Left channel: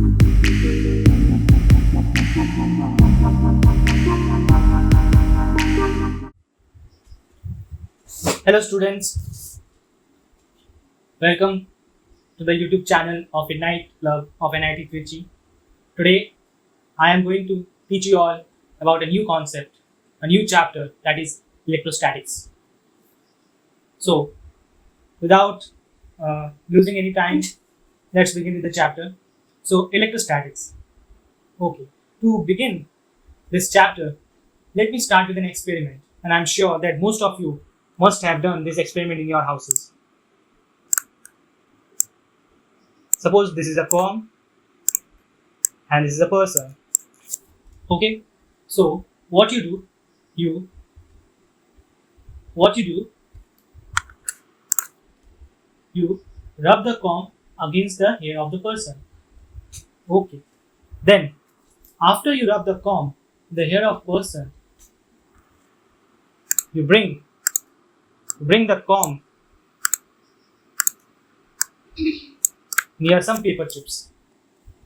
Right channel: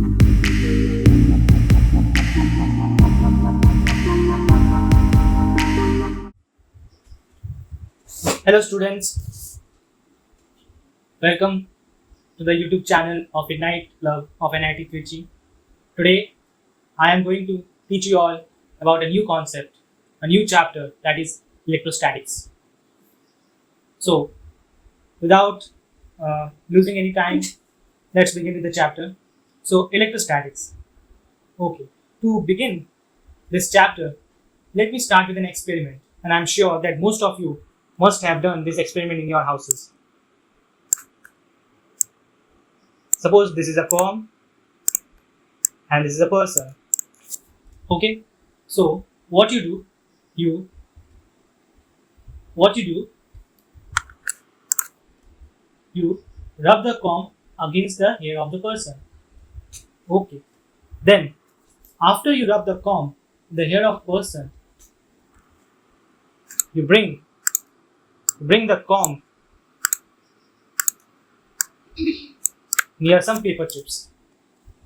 Hello students, welcome to the YouTube channel of IGNITTE Club of NIT Trichy. Today I am going to teach you all about a new concept, a new chapter, that is electrostatics. So without losing any time, let's begin with the chapter. So electrostatics. Okay, to begin this chapter, let me start with an experiment, and I'm sure that most of you must have done this experiment in your houses. Suppose this is a Coulomb and this is a person. Okay, so what you do, you rub the Coulomb against the hair of the person. Okay, then after you rub the Coulomb, the hair of person, you bring the Coulomb near some paper chips.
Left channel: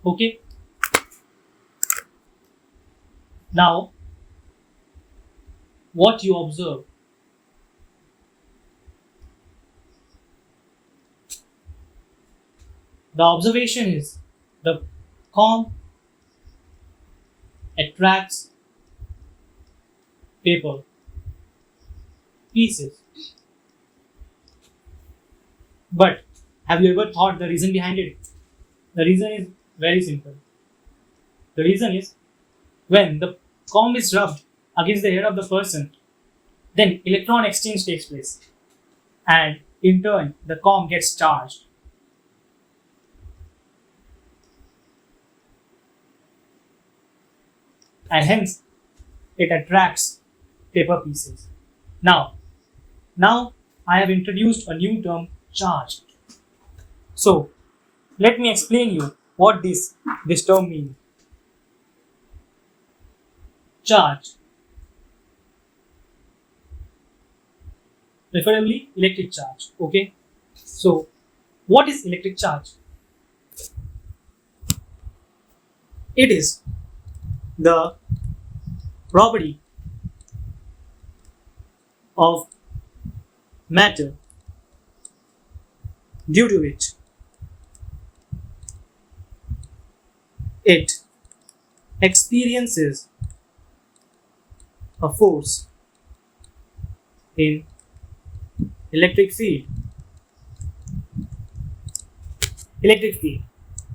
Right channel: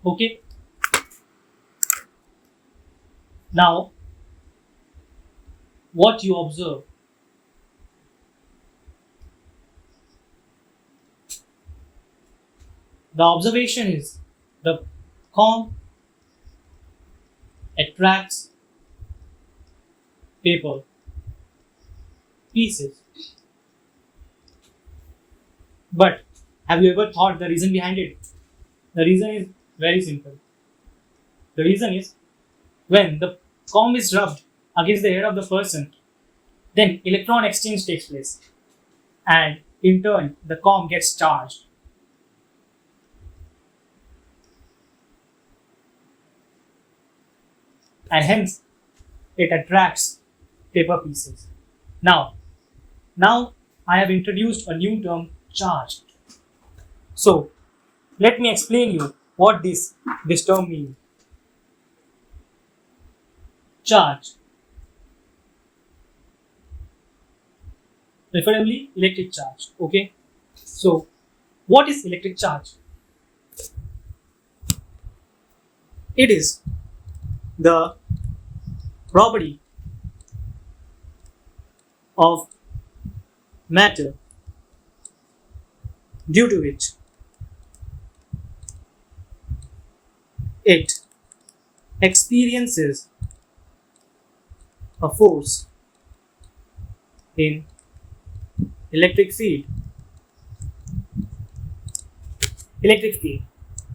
Okay. Now, what you observe? The observation is the Coulomb attracts paper pieces. But have you ever thought the reason behind it? The reason is very simple. The reason is when the Coulomb is rubbed against the head of the person, then electron exchange takes place, and in turn the Coulomb gets charged. And hence it attracts paper pieces. Now I have introduced a new term, charge. So let me explain you what this term means. Charge, preferably electric charge. Okay, so what is electric charge? It is the property of matter due to which it experiences a force in electric field. Electric field.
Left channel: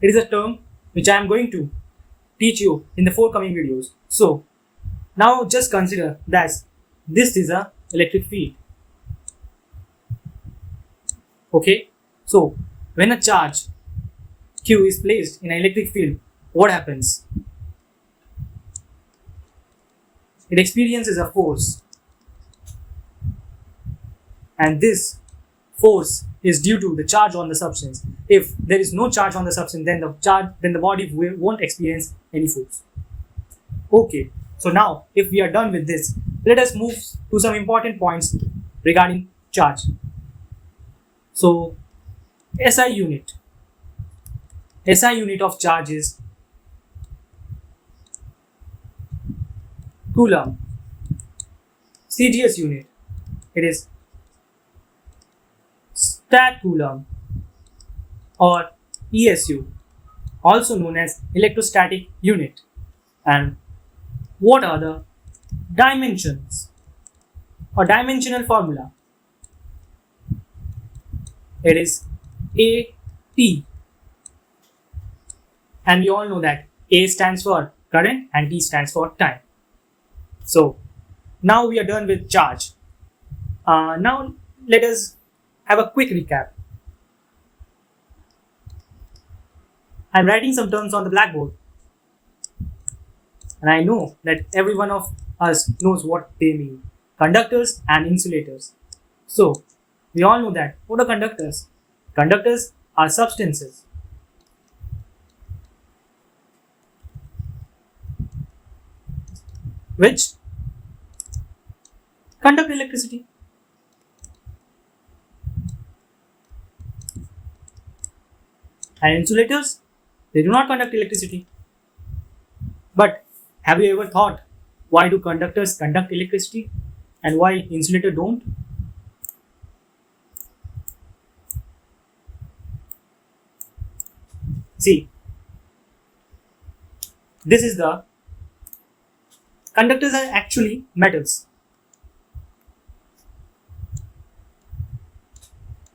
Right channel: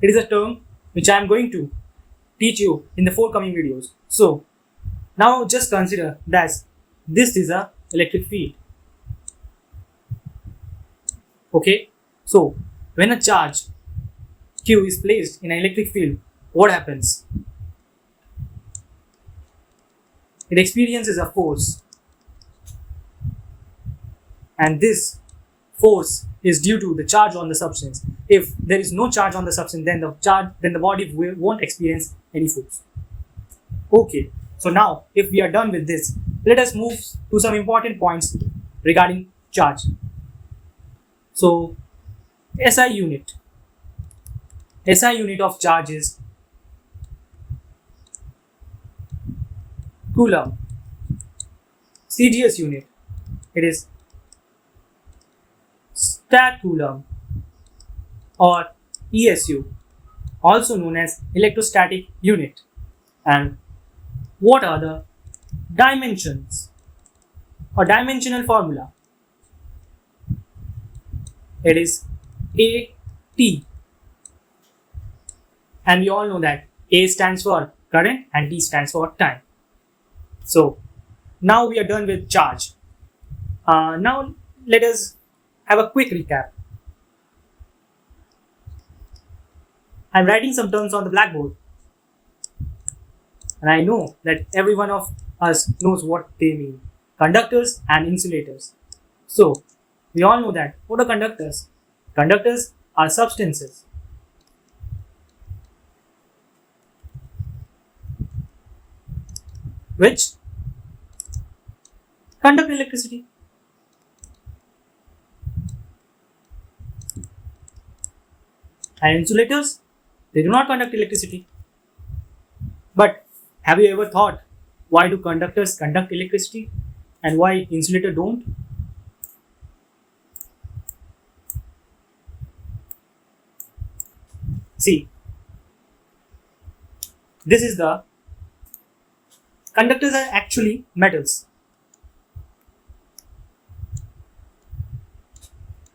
It is a term which I am going to teach you in the forthcoming videos. So now just consider that this is a electric field. Okay, so when a charge Q is placed in an electric field, what happens? It experiences a force, and this force is due to the charge on the substance. If there is no charge on the substance, then the body won't experience any force. Okay, so now if we are done with this, let us move to some important points regarding charge. So SI unit of charge is Coulomb. CGS unit, it is stat Coulomb or ESU, also known as electrostatic unit. And what are the dimensions or dimensional formula? It is AT, and you all know that A stands for current and T stands for time. So now we are done with charge. Now let us have a quick recap. I'm writing some terms on the blackboard, and I know that every one of us knows what they mean. Conductors and insulators. So we all know that. What are conductors? Conductors are substances which conduct electricity. And insulators They do not conduct electricity. But have you ever thought, why do conductors conduct electricity and why insulators don't? See, this is the conductors are actually metals,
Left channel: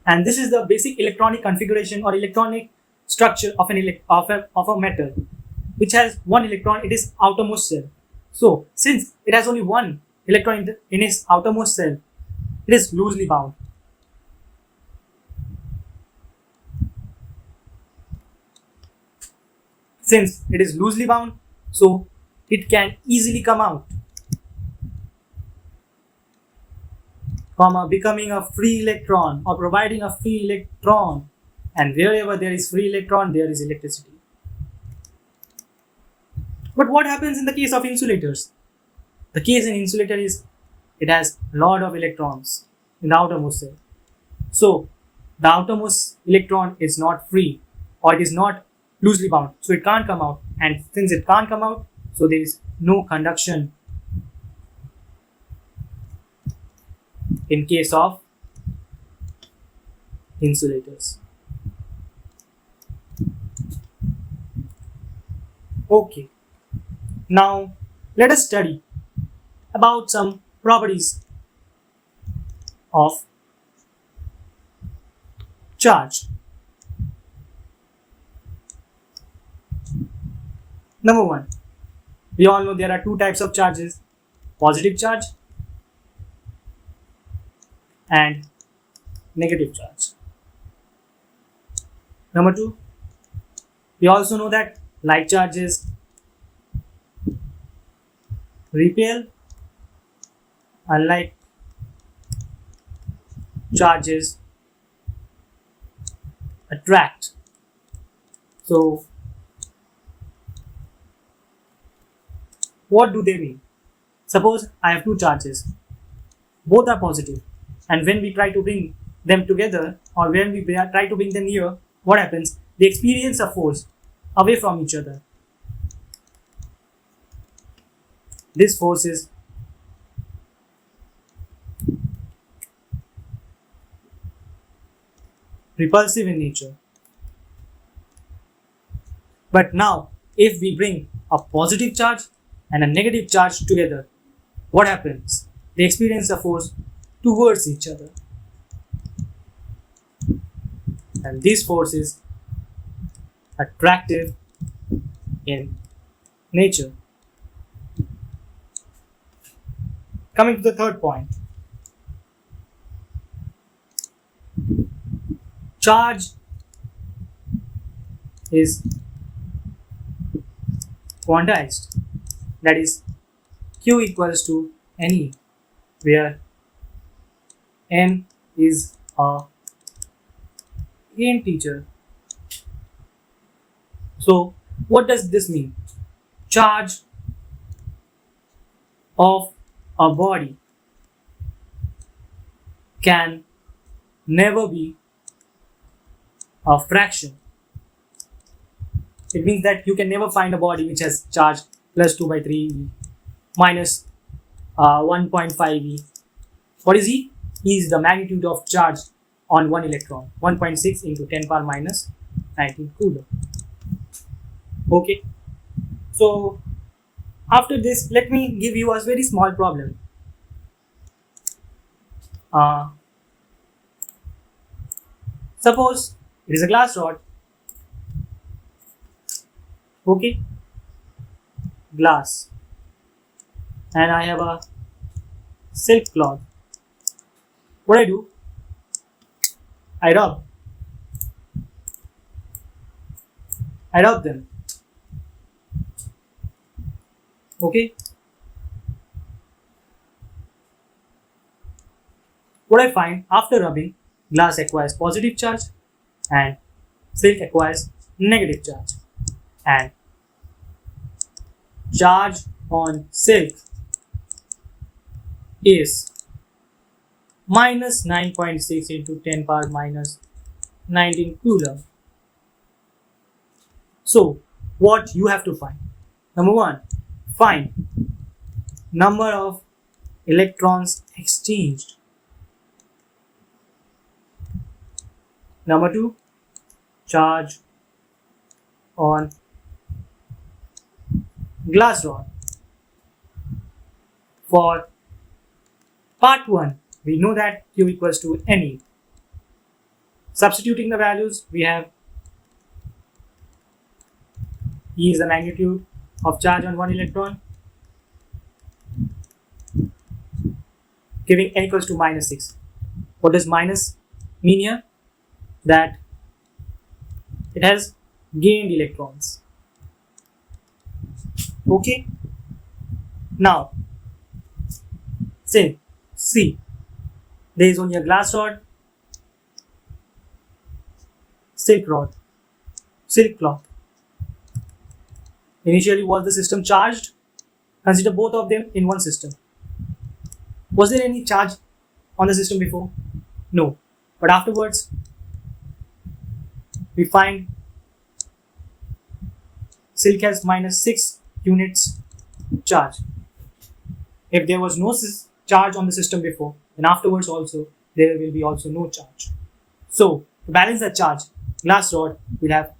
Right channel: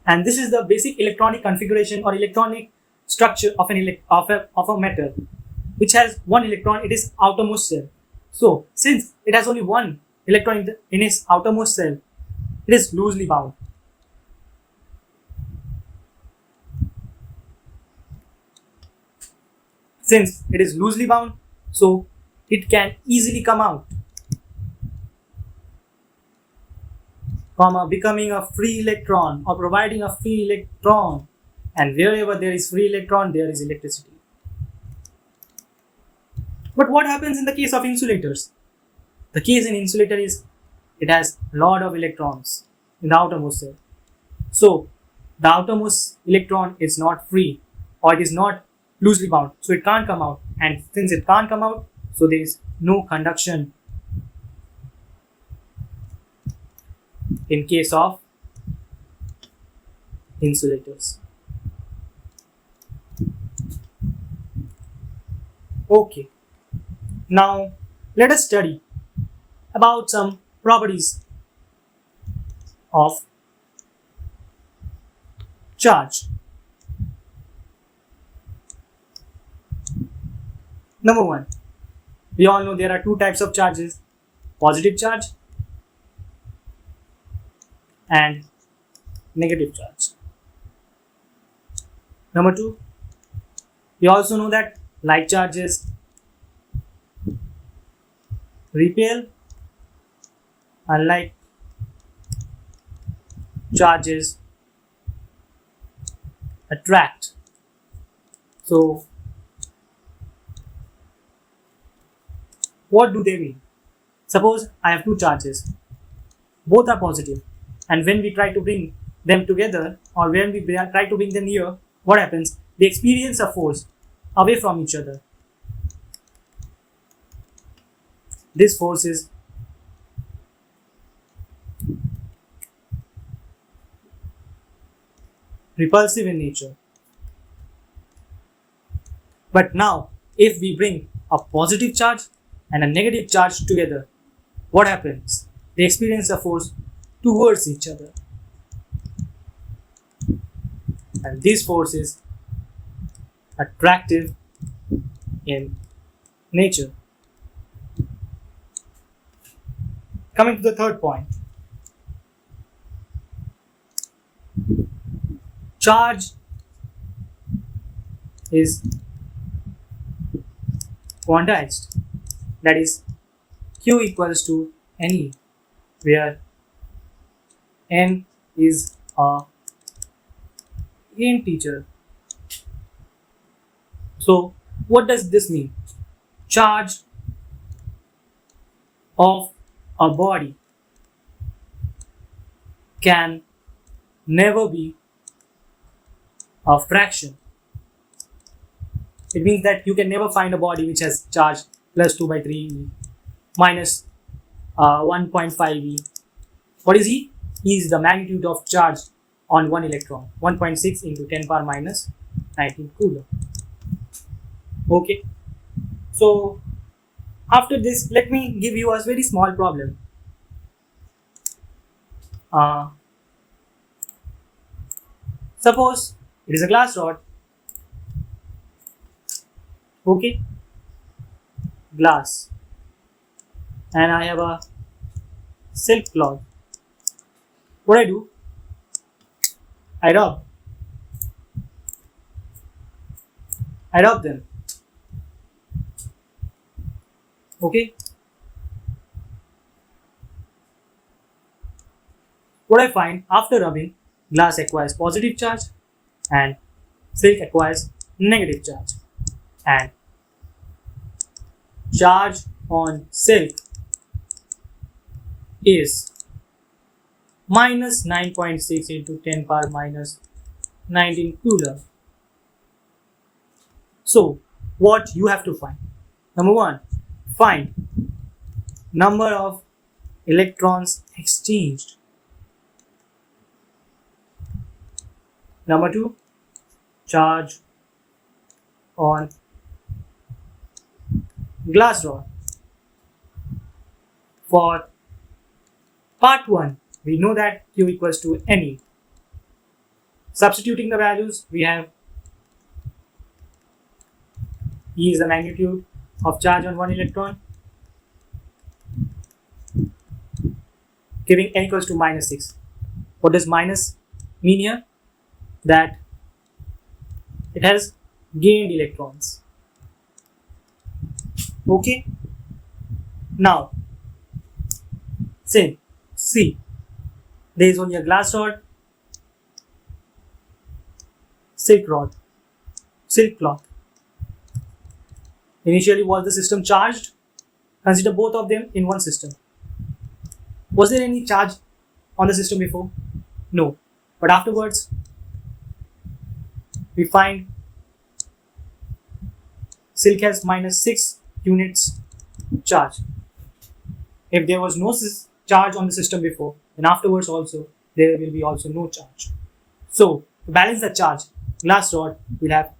and this is the basic electronic configuration or electronic structure of a metal, which has one electron in its outermost shell. So, since it has only one electron in its outermost shell, it is loosely bound. Since it is loosely bound, so it can easily come out from becoming a free electron or providing a free electron, and wherever there is free electron, there is electricity. But what happens in the case of insulators? The case in insulator is it has a lot of electrons in the outermost shell. So the outermost electron is not free, or it is not loosely bound, so it can't come out, and since it can't come out, so there is no conduction in case of insulators. Okay, now let us study about some properties of charge. Number one, we all know there are two types of charges, positive charge and negative charge. Number two, we also know that like charges repel, unlike charges attract. So, what do they mean? Suppose I have two charges, both are positive, and when we try to bring them together, or when we try to bring them here, what happens? They experience a force away from each other. This force is repulsive in nature. But now, if we bring a positive charge and a negative charge together, what happens? They experience a force towards each other. And this force is attractive in nature. Coming to the third point. Charge is quantized, that is Q equals to NE, where N is a integer. So what does this mean? Charge of a body can never be a fraction. It means that you can never find a body which has charge plus 2 by 3 eV minus 1.5 eV. What is E? E is the magnitude of charge on one electron, 1.6 into 10 power minus 19 Coulomb. Okay. So after this, let me give you a very small problem. Suppose it is a glass rod. Okay, glass, and I have a silk cloth. What I do? I rub them. Okay. What I find after rubbing, glass acquires positive charge and silk acquires negative charge, and charge on silk is minus 9.6 into 10 power minus 19 Coulomb. So, what you have to find? Number one, find number of electrons exchanged. Number two, charge on glass rod. For part 1, we know that Q equals to ME. Substituting the values, we have E is the magnitude of charge on one electron, giving N equals to minus 6. What does minus mean here? That it has gained electrons. Okay. Now, say, see, there is only a glass rod, silk cloth. Initially, was the system charged? Consider both of them in one system. Was there any charge on the system before? No. But afterwards, we find silk has minus 6 units charge. If there was no charge on the system before, then afterwards also there will be also no charge. So to balance the charge, glass rod will have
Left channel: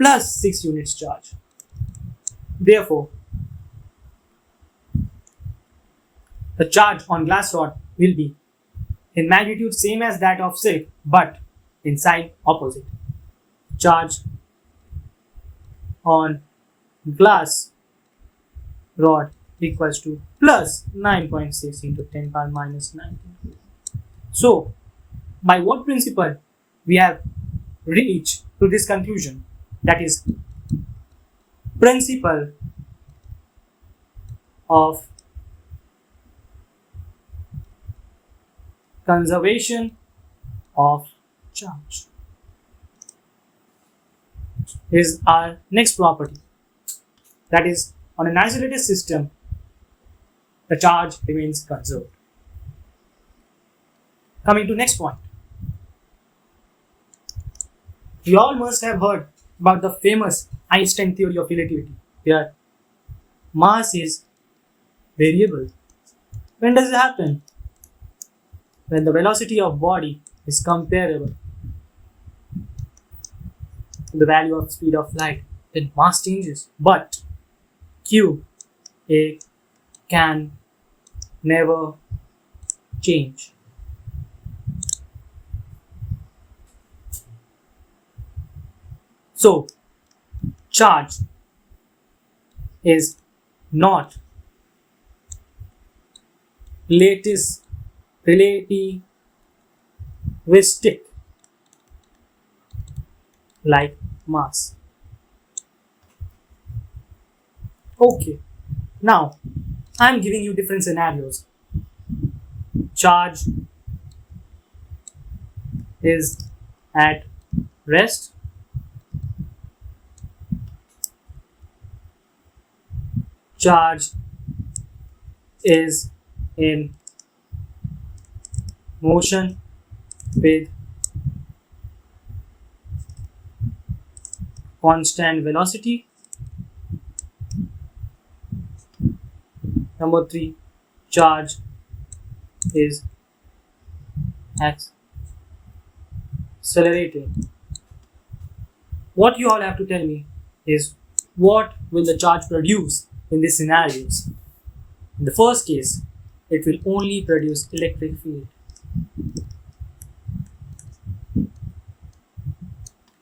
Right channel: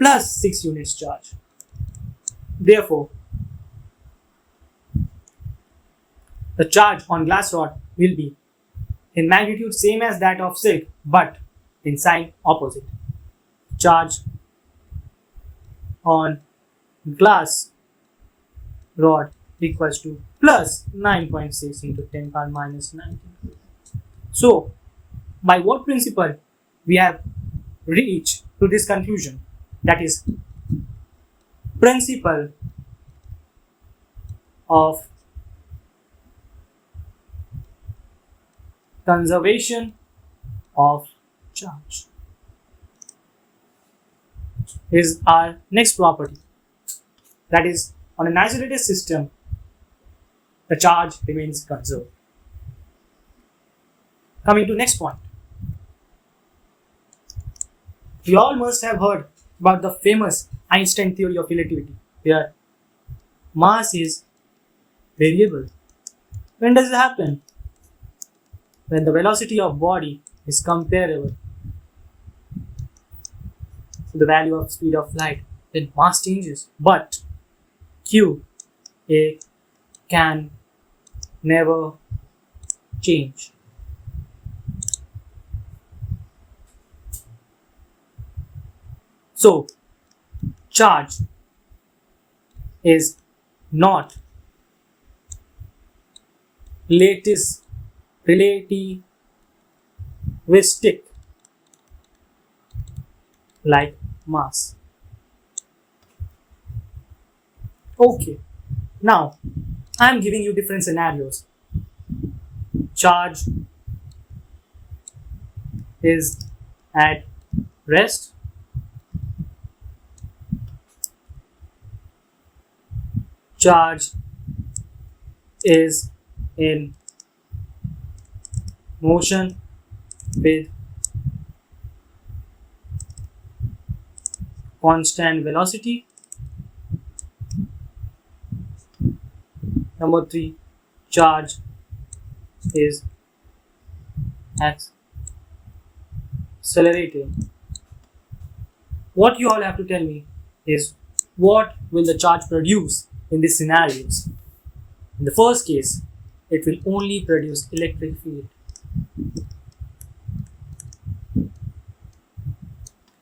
plus 6 units charge. Therefore, the charge on glass rod will be in magnitude same as that of silk, but in sign opposite. Charge on glass rod equals to plus 9.6 into 10 power minus 9. So, by what principle we have reached to this conclusion? That is principle of conservation of charge. Is our next property. That is, on an isolated system, the charge remains conserved. Coming to next point. You all must have heard about the famous Einstein Theory of relativity, where mass is variable. When does it happen? When the velocity of body is comparable to the value of speed of light, then mass changes. But Q, it can never change. So, charge is not relativistic like mass. Okay, now I am giving you different scenarios. Charge is at rest. Charge is in motion with constant velocity. Number 3, charge is accelerating. What you all have to tell me is what will the charge produce in these scenarios. In the first case, it will only produce electric field.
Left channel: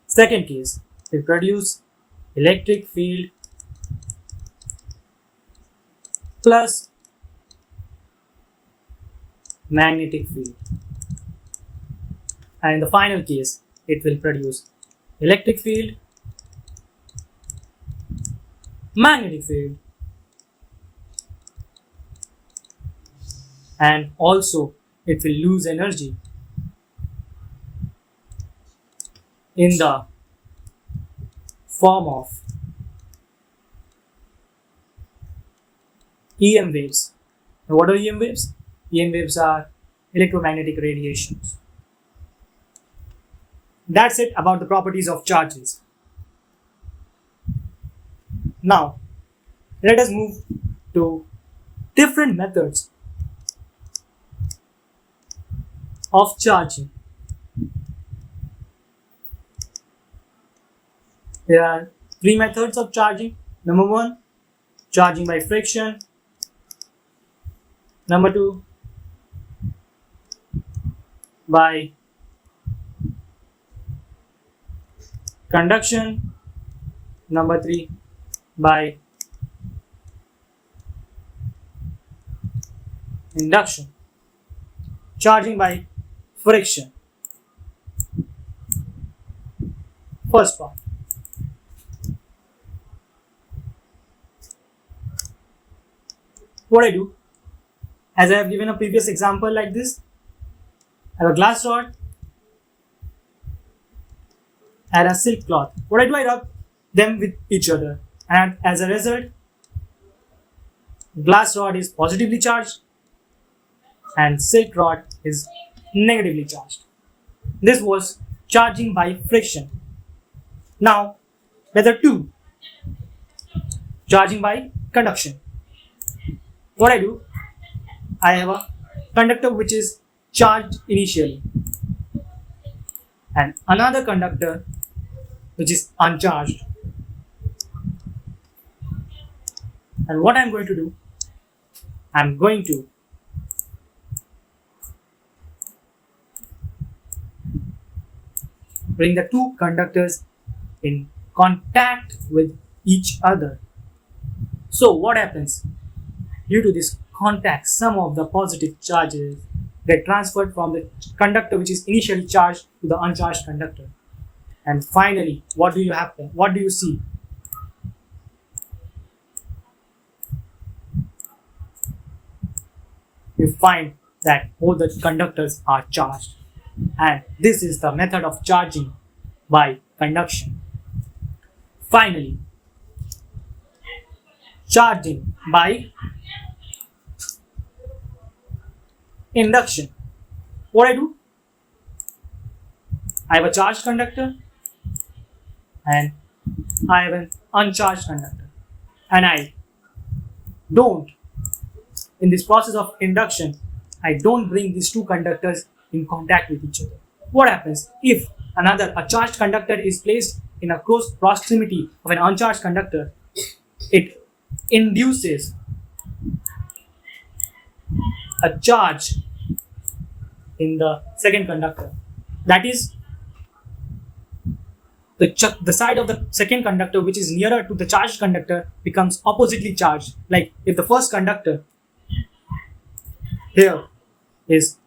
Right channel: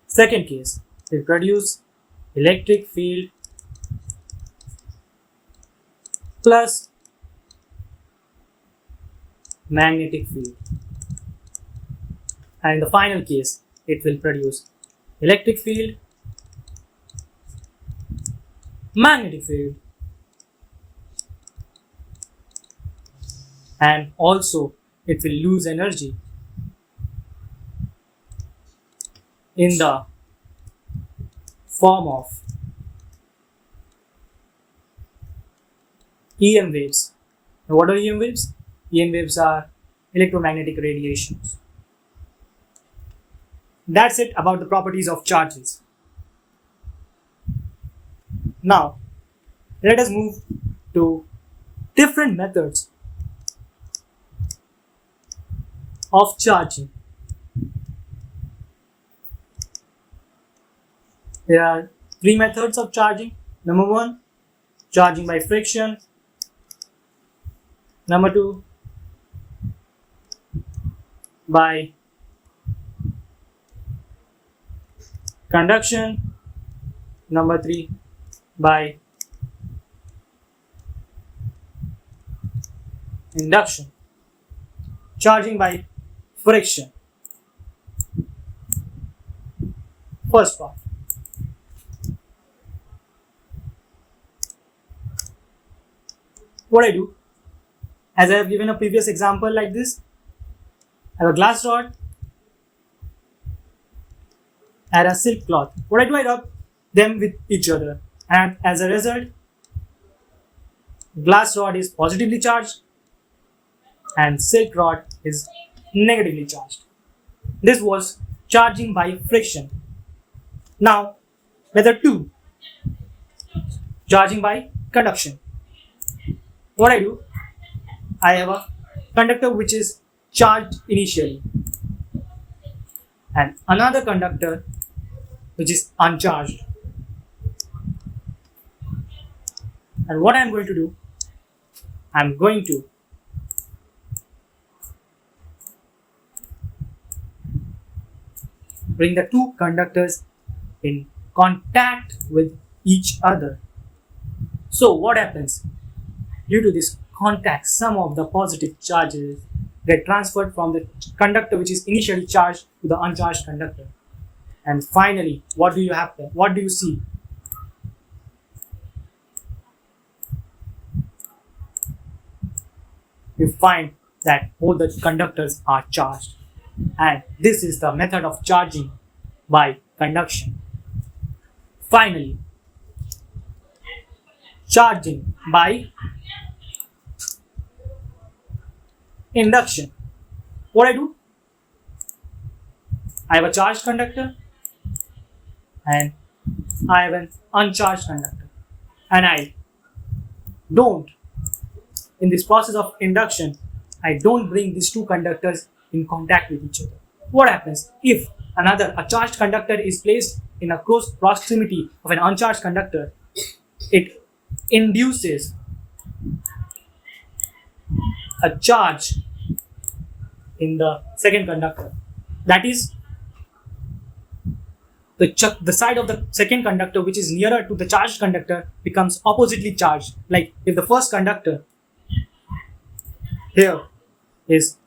Second case, it will produce electric field plus magnetic field. And in the final case, it will produce electric field, magnetic field, and also it will lose energy in the form of EM waves. Now, what are EM waves? EM waves are electromagnetic radiations. That's it about the properties of charges. Now, let us move to different methods of charging. There are three methods of charging. Number one, charging by friction. Number two, by conduction. Number three, by induction. Charging by friction. First part. What I do, as I have given a previous example like this, I have a glass rod and a silk cloth. What I do, I rub them with each other, and as a result, glass rod is positively charged and silk rod is negatively charged. This was charging by friction. Now, method 2, charging by conduction. What I do, I have a conductor which is charged initially and another conductor which is uncharged. And what I am going to do, I am going to bring the two conductors in contact with each other. So what happens? Due to this contact, some of the positive charges get transferred from the conductor which is initially charged to the uncharged conductor. And finally, what do you happen? What do you see? You find that all the conductors are charged. And this is the method of charging by conduction. Finally, charging by induction. What I do? I have a charged conductor and I have an uncharged conductor. And I don't, in this process of induction, I don't bring these two conductors in contact with each other. What happens if a charged conductor is placed in a close proximity of an uncharged conductor? It induces a charge in the second conductor. That is, the side of the second conductor which is nearer to the charged conductor becomes oppositely charged. Like if the first conductor here is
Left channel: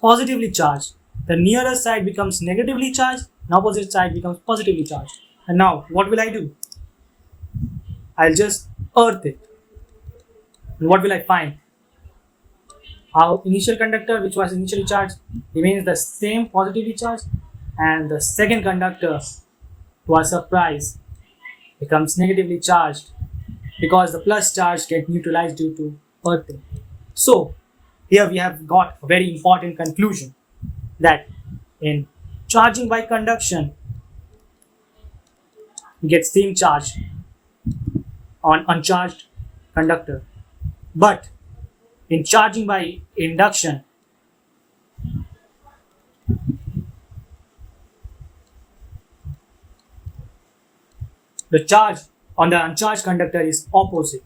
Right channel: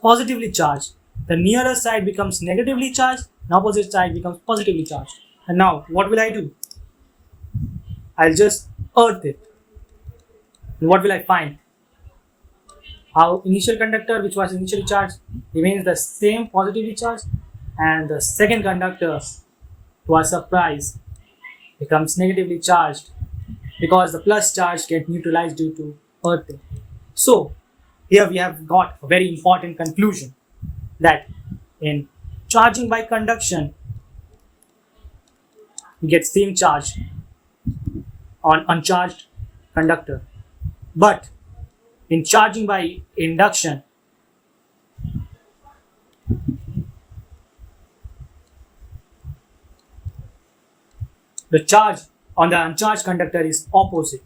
positively charged, the nearer side becomes negatively charged, the opposite side becomes positively charged. And now what will I do? I'll just earth it. And what will I find? Our initial conductor, which was initially charged, remains the same positively charged, and the second conductor, to our surprise, becomes negatively charged because the plus charge gets neutralized due to earthing. So, here we have got a very important conclusion that in charging by conduction, we get same charge on uncharged conductor. But in charging by induction, the charge on the uncharged conductor is opposite.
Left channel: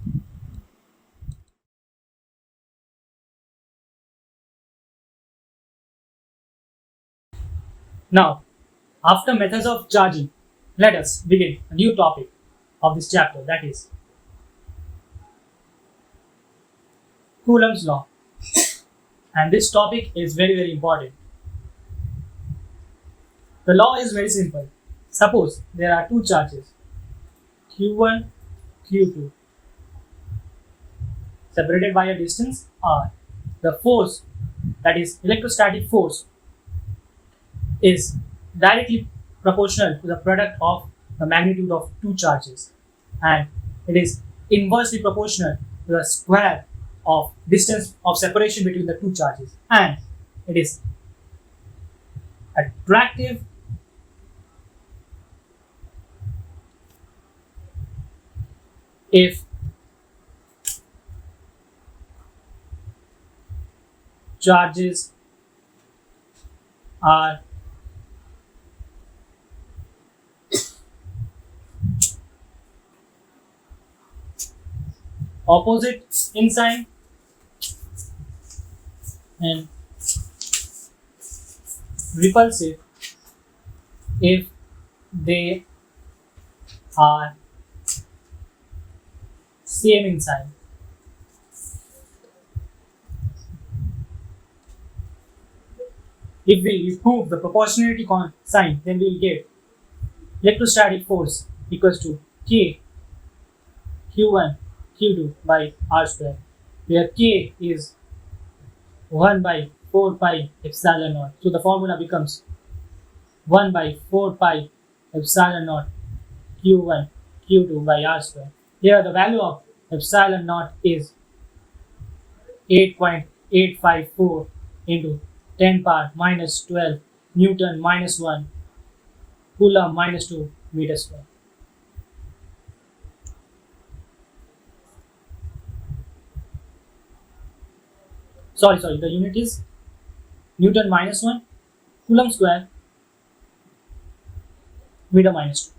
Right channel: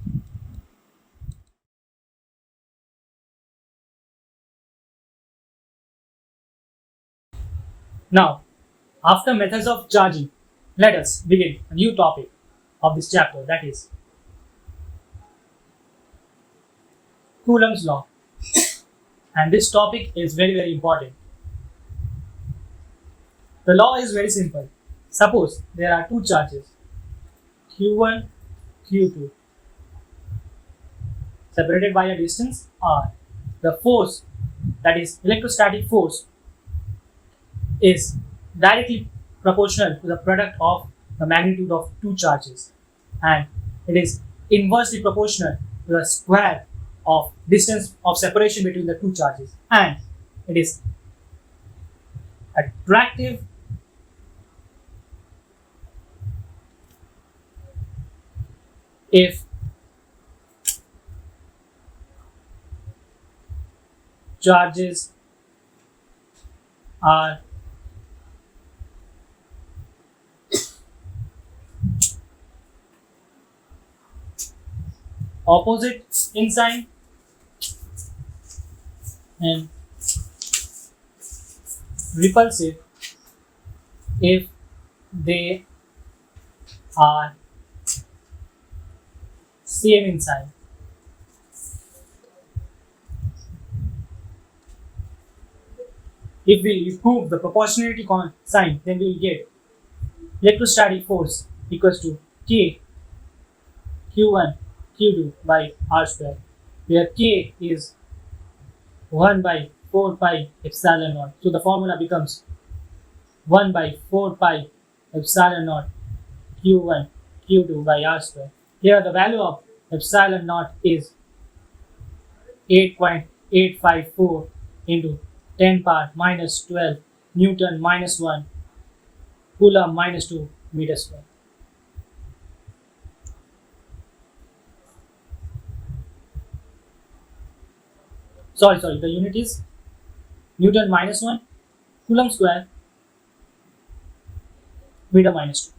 Now, after methods of charging, let us begin a new topic of this chapter, that is Coulombs Law. And this topic is very, very important. The law is very simple. Suppose there are two charges, Q1, Q2, separated by a distance R. The force, that is electrostatic force, is directly proportional to the product of the magnitude of two charges, and it is inversely proportional to the square of distance of separation between the two charges, and it is attractive if charges are opposite in sign and repulsive if they are same in sign. If we remove the proportionality sign, then we will get electrostatic force equals to K Q1 Q2 by R square, where K is 1 by 4 pi epsilon naught. So the formula becomes 1 by 4 pi epsilon naught Q1 Q2 by R square. Here the value of epsilon naught is 8.854 into 10 power minus 12 Newton minus 1 Coulomb minus 2 meter square. Sorry, the unit is Newton minus 1 Coulomb square meter minus 2.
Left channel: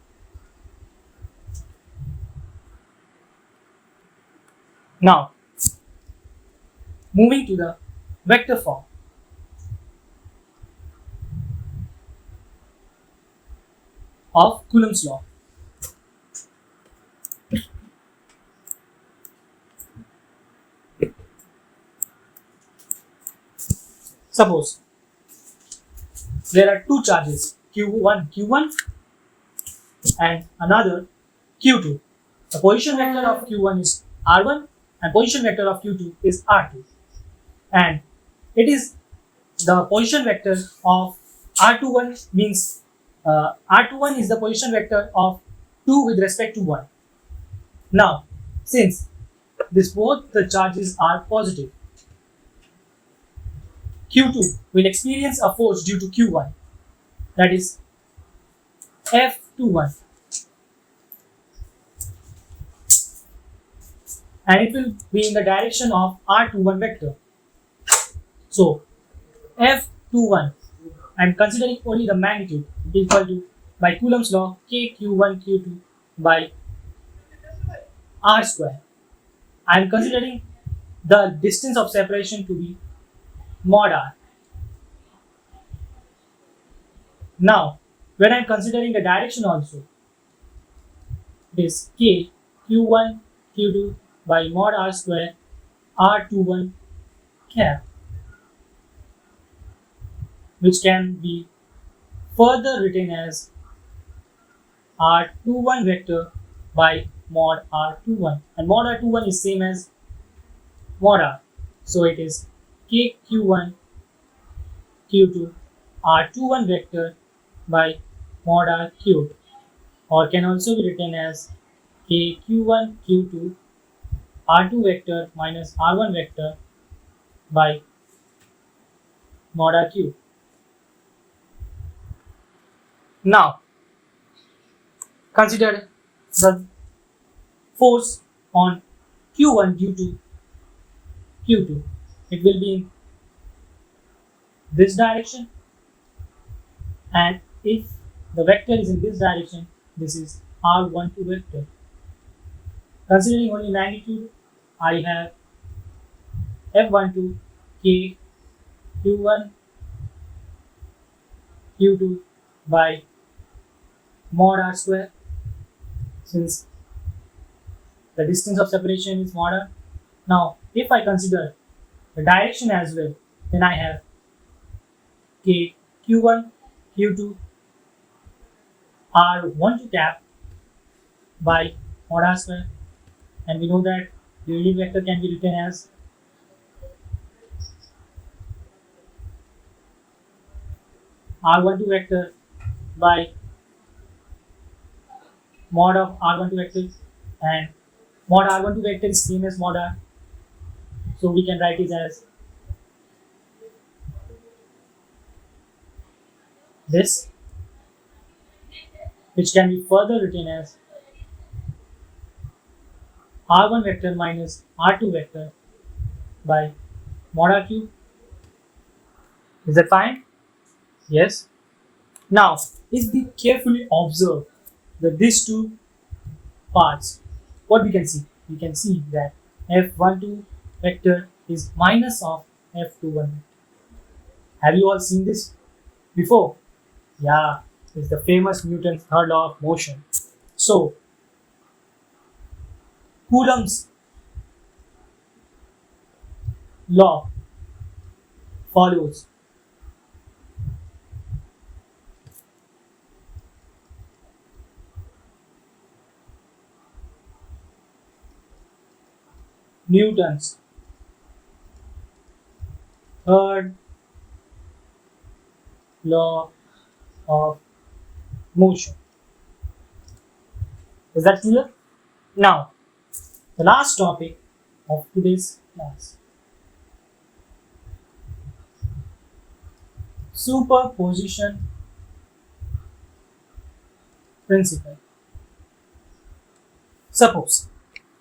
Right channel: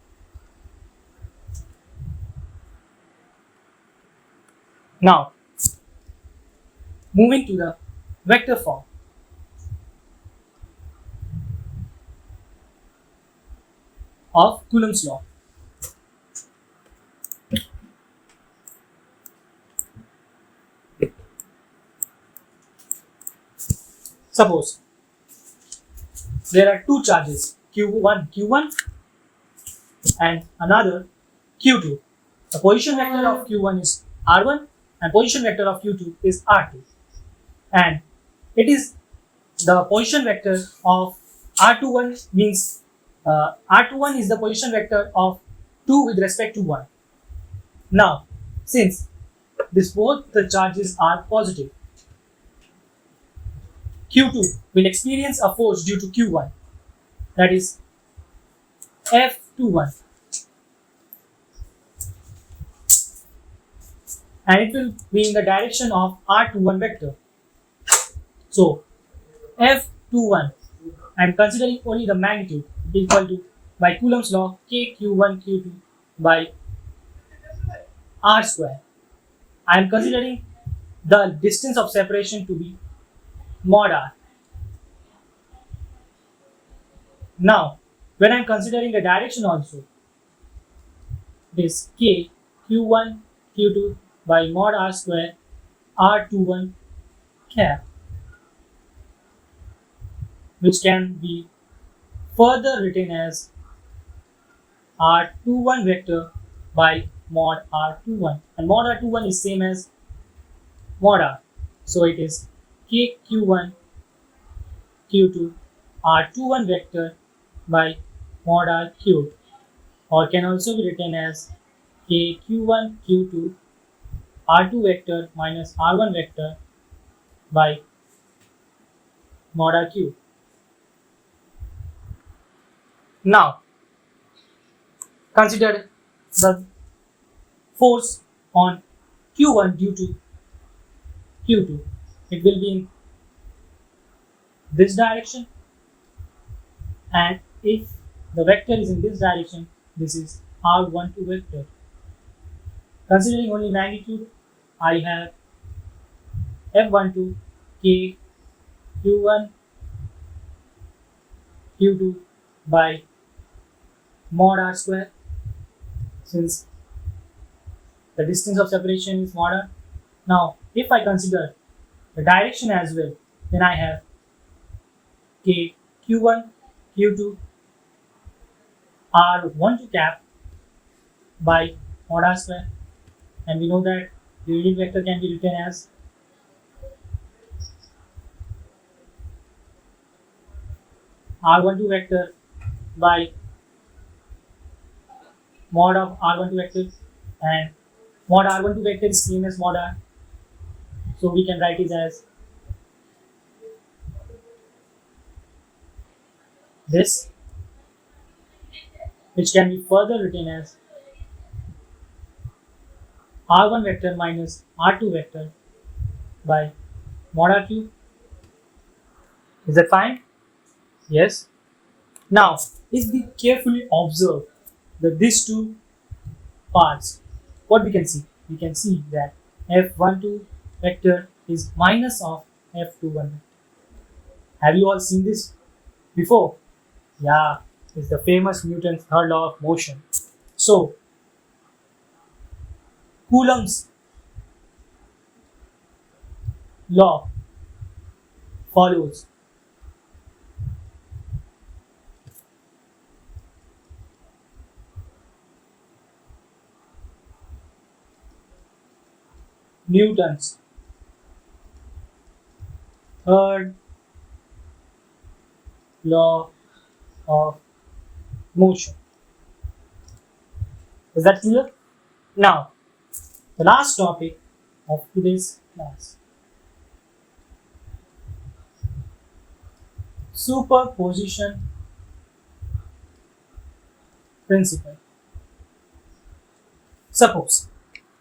Now, moving to the vector form. Of Coulombs law. Suppose there are two charges Q1 and another Q2. The position vector of Q1 is R1 and position vector of Q2 is R2. And it is the position vector of R21 means R21 is the position vector of 2 with respect to 1. Now, since both the charges are positive, Q2 will experience a force due to Q1, that is F21, and it will be in the direction of R21 vector. So F21, I am considering only the magnitude, equal to, by Coulombs law, K Q1 Q2 by R square. I am considering the distance of separation to be mod R. Now, when I am considering the direction also, it is K Q1 Q2 by mod R square R21 cap, which can be further written as R21 vector by mod R21, and mod R21 is same as mod R, so it is K Q1 Q2 R21 vector by mod R cubed, or can also be written as K Q1 Q2 R2 vector minus R1 vector by mod R cubed. Now, consider the force on Q1 due to Q2. It will be in this direction, and if the vector is in this direction, this is R12 vector. Considering only magnitude, I have F12 K Q1 Q2 by mod R square, since the distance of separation is mod R. Now, if I consider the direction as well, then I have K Q1 Q2 R12 cap by mod R square, and we know that the unit vector can be written as R12 vector by mod of R12 vector, and mod R12 vector is same as mod R, so we can write it as this, which can be further written as R1 vector minus R2 vector by mod RQ. Is that fine? Yes. Now, if we carefully observe these two parts, what we can see? We can see that F12 vector is minus of F21. Have you all seen this before? Yeah, it's the famous Newton's third law of motion. So, Coulomb's law follows. Newton's third law of motion. Is that clear? Now, the last topic of today's class. Superposition principle. Suppose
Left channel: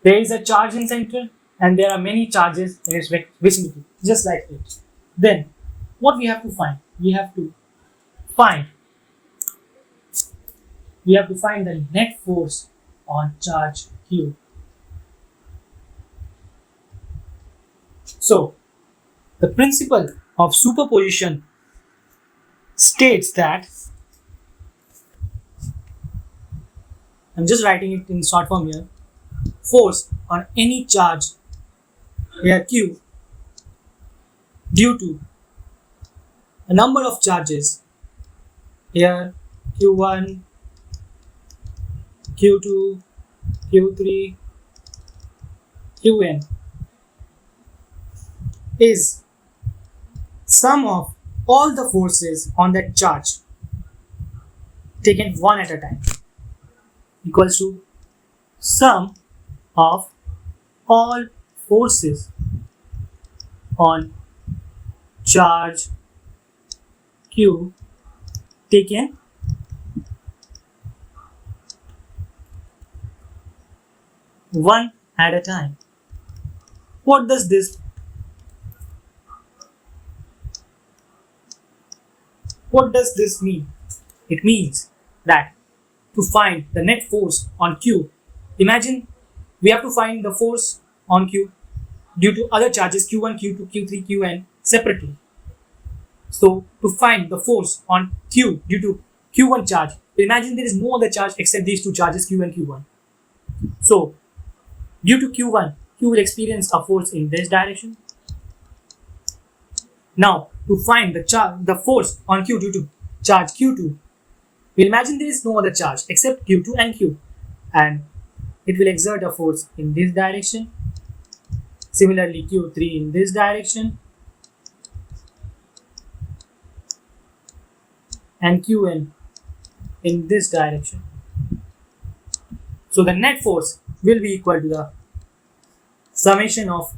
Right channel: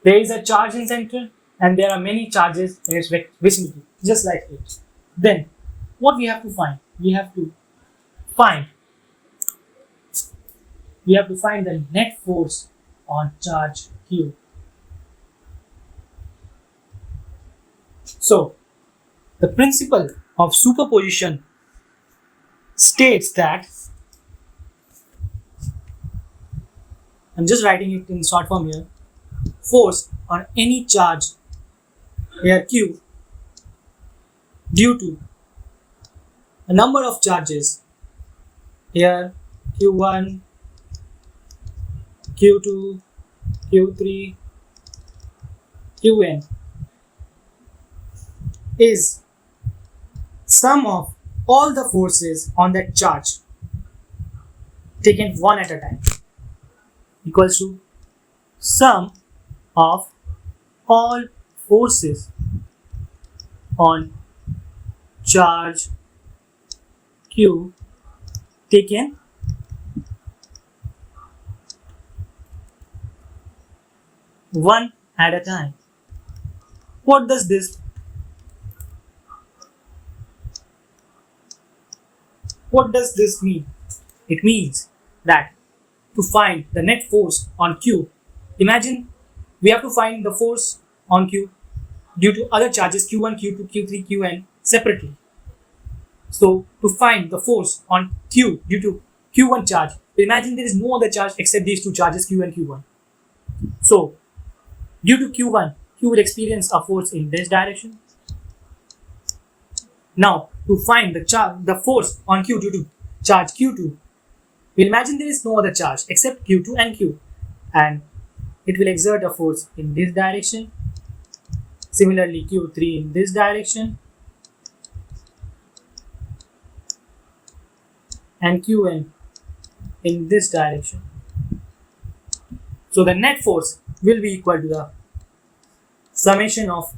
there is a charge in center and there are many charges in its vicinity, just like it. Then, what we have to find? We have to find the net force on charge Q. So, the principle of superposition states that, I'm just writing it in short form here, force on any charge here Q due to a number of charges here Q1, Q2, Q3, Qn is sum of all the forces on that charge taken one at a time equals to sum of all forces on charge Q taken one at a time. What does this mean? It means that to find the net force on Q, imagine we have to find the force on Q due to other charges Q1, Q2, Q3, Qn separately. So to find the force on Q due to Q1 charge, imagine there is no other charge except these two charges Q and Q1. So due to Q1, Q will experience a force in this direction. Now to find the force on Q due to charge Q2, we imagine there is no other charge except Q2 and Q, and it will exert a force in this direction. Similarly, Q3 in this direction, and Qn in this direction. So the net force will be equal to the summation of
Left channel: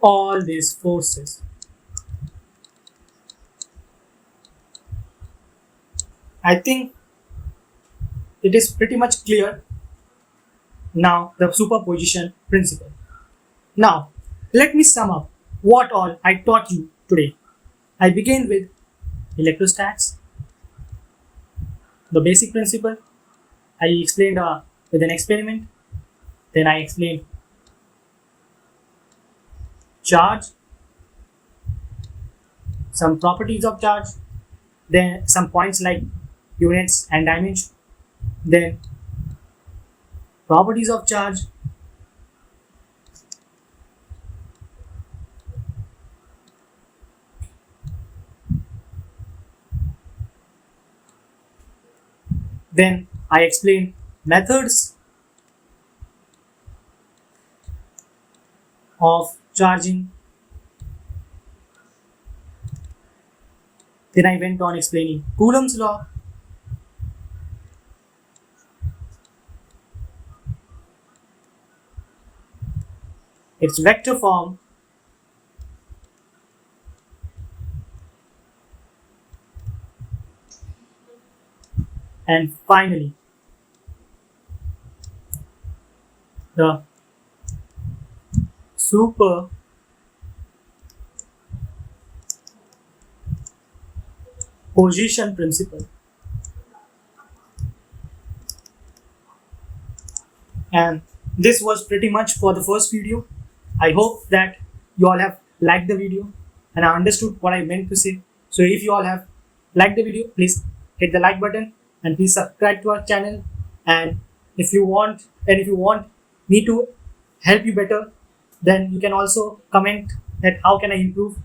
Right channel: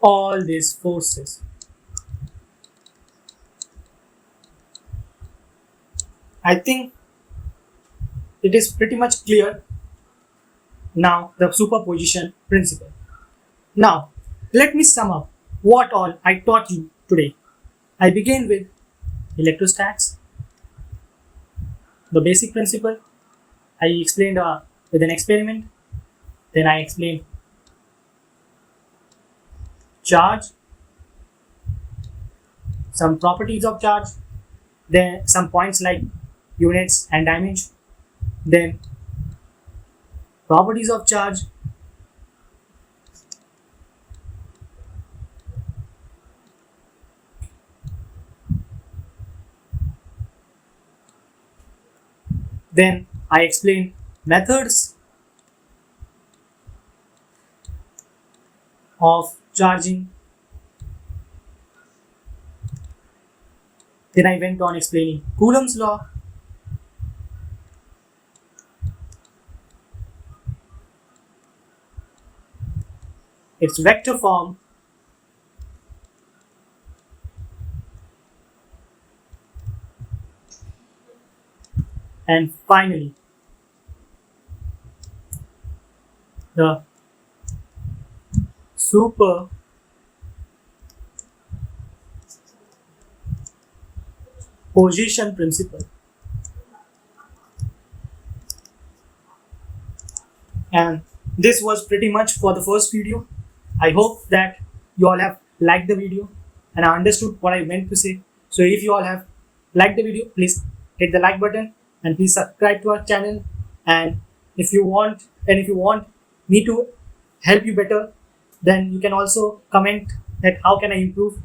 all these forces. I think it is pretty much clear now, the superposition principle. Now, let me sum up what all I taught you today. I began with electrostatics, the basic principle. I explained with an experiment. Then I explained charge, some properties of charge, then some points like units and dimension, then properties of charge, then I explained methods of charging. Then I went on explaining Coulombs law. Its vector form, and finally the superposition principle. And this was pretty much for the first video. I hope that you all have liked the video and I understood what I meant to say. So if you all have liked the video, please hit the like button and please subscribe to our channel. And if you want me to help you better, then you can also comment that how can I improve.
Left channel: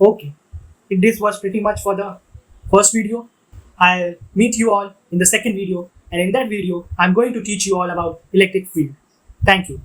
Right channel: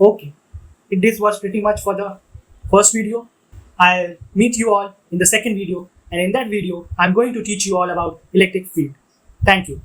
Okay, this was pretty much for the first video. I'll meet you all in the second video, and in that video I'm going to teach you all about electric field. Thank you.